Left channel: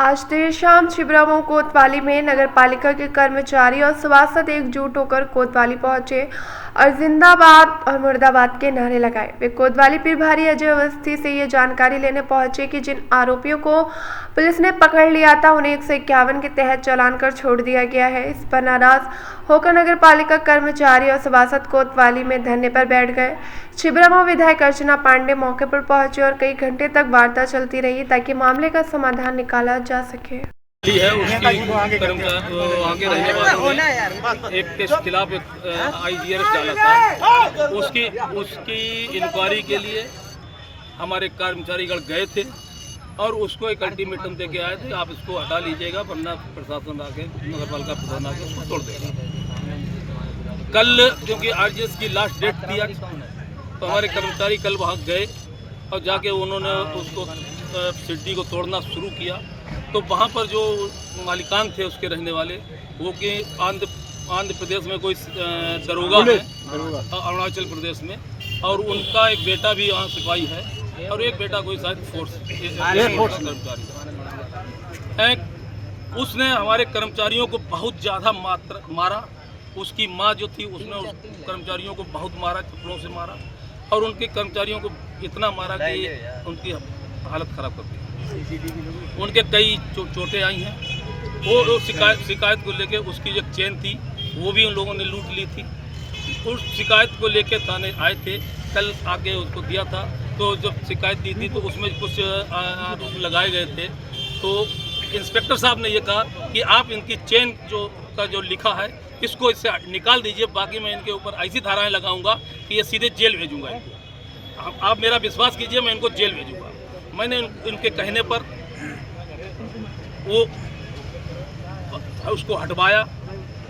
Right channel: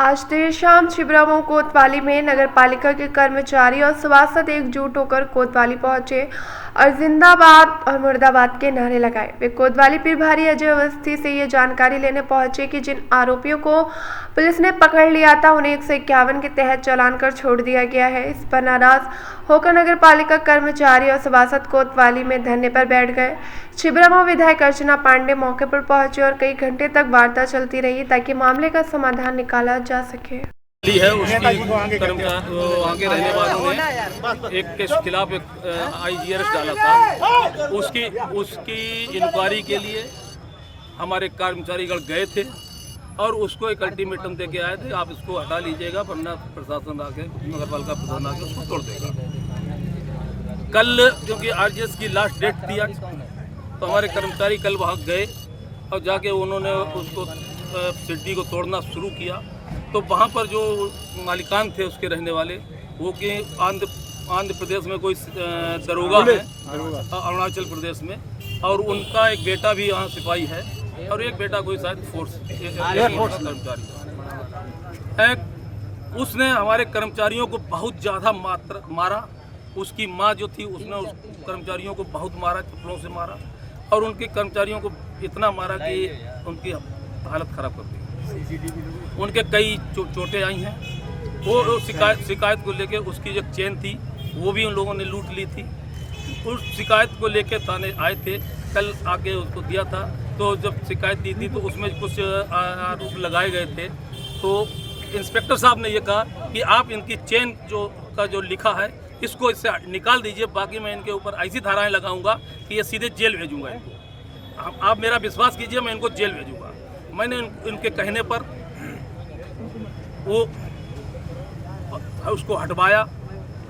आज देर शाम छिबरामऊ कोतवाली में नगर पालिका के कर्मचारी और सभासद एकजुट होकर कोतवाली पहुंचे और जिंदाबाद और मुर्दाबाद के नारे लगाए। वे कोतवाली प्रभारी अजय अवस्थी से ये जानकारी लेने पहुंचे कि जिन आरोपियों को पुलिस ने पकड़ लिया था उन्हें 151 के तहत चालान कर छोड़ दिया गया है। इस पर नाराज होकर नगर पालिका कर्मचारी और सभासद कोतवाली में धरने पर बैठ गए। छिबरामऊ विधायक अर्चना पांडे मौके पर पहुंचे और कई घंटे तक वार्ता चलती रही ताकि मामले का समाधान निकाला जा सके। है उसकी वहाँ के रहने वालों ने एक के खिलाफ IGRS डाला था। उसकी इंक्वायरी के लिए हमारे कर्मचारीगण गए थे और उसको एक अल्टीमेटम दे के आए थे, आप इसको हटा लीजिएगा वरना प्रशासन आके नगर पालिका प्रशासन आके उसको तोड़ देगा। कल क्योंकि RGS की लास्ट डेट थी आज, तो हमारे कर्मचारी कल वहाँ गए और जाके उन्होंने उसको सिड्डी को तोड़ना शुरू किया। तो वहाँ पर जो मालिकान थे उसके रहने वाले वो कि आंध्र प्रदेश में कोई दरोगा है, अरुणाचल प्रदेश में, और उनका एक बेटा भी यहाँ सिपाही है और एक बेटा कोई शायद फोर्स कर्मचारी है। उसने हमारे कर्मचारियों को बहुत ज़्यादा मारा। उसकी माँ जो थी उसने उस कर्मचारियों को बहुत मारा, चप्पलों से मारा और उनके कर्मचारियों को इतना मारा कि उनकी हालत ख़राब कर दी। उनके कई चोटें आई हैं। वो शिकायत को लेके उसकी जो चेन थी वो भी उन लोगों ने लूट ली थी। उस शिकायत को लेके थाने आए थे, कल आके उसको दिया था। तो जब शिकायत दी थी तो उसमें कुछ आरोप लगाए गए थे। तो इंस्पेक्टर साहब ने ये कहा कि आप इनकी चेन जो लिखा है इसको इससे निकाल दीजिए, बाकी मैं इनके ऊपर ऐसी धाराएं लगाऊंगा कि ये सीधे जेल भेजूंगा इनको। आप मेरा विश्वास कीजिए, मैं इनको जेल भेजूंगा। मैंने इनके कहने पर वो उसको हटवाया।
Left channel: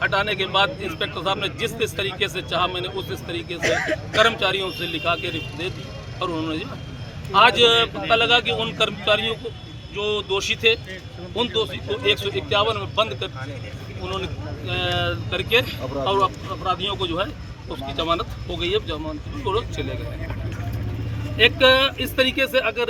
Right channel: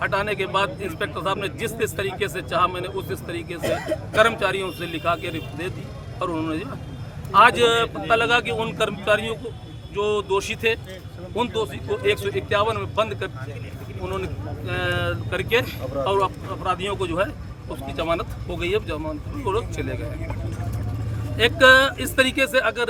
हटाने के बाद इंस्पेक्टर साहब ने जिस तरीके से चाहा मैंने उस तरीके से कर्मचारियों से लिखा के रिपोर्ट दे दी और उन्होंने आज पता लगा कि उन कर्मचारियों को जो दोषी थे उन दोषी को 151 में बंद कर उन्होंने करके और अपराधियों को जो है उसकी जमानत हो गई है, जमानत वो लोग चले गए। एक इस तरीके से अगर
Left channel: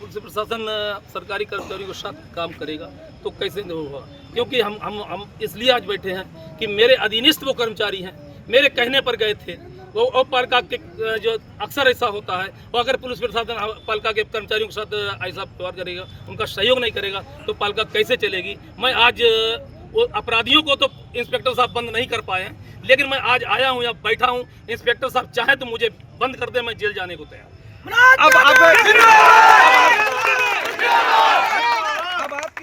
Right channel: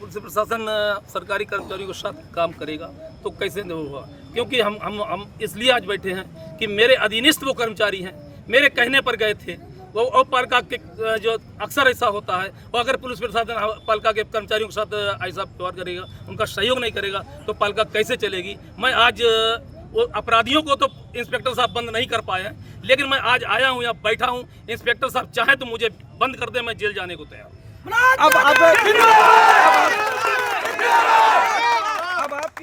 पुलिस प्रशासन सरकारी कर्मचारियों के साथ काम करेगा तो कैसे नहीं होगा? क्योंकि हम इसलिए आज बैठे हैं कि मेरे अधीनस्थ वो कर्मचारी हैं, मेरे कहने पर गए थे। वो पालिका के जो अक्सर ऐसा होता है, वो अगर पुलिस प्रशासन पालिका के कर्मचारियों के साथ ऐसा व्यवहार करेगा, उनका सहयोग नहीं करेगा तो पालिका कैसे चलेगी? मैं आज वो अपराधियों को तो इंस्पेक्टर साहब बंद नहीं कर पाए हैं, लेकिन मैं आज आया हूँ यहाँ बैठा हूँ। इंस्पेक्टर साहब चाहे तो मुझे बंद कर दे, मैं जेल जाने को तैयार हूँ। अब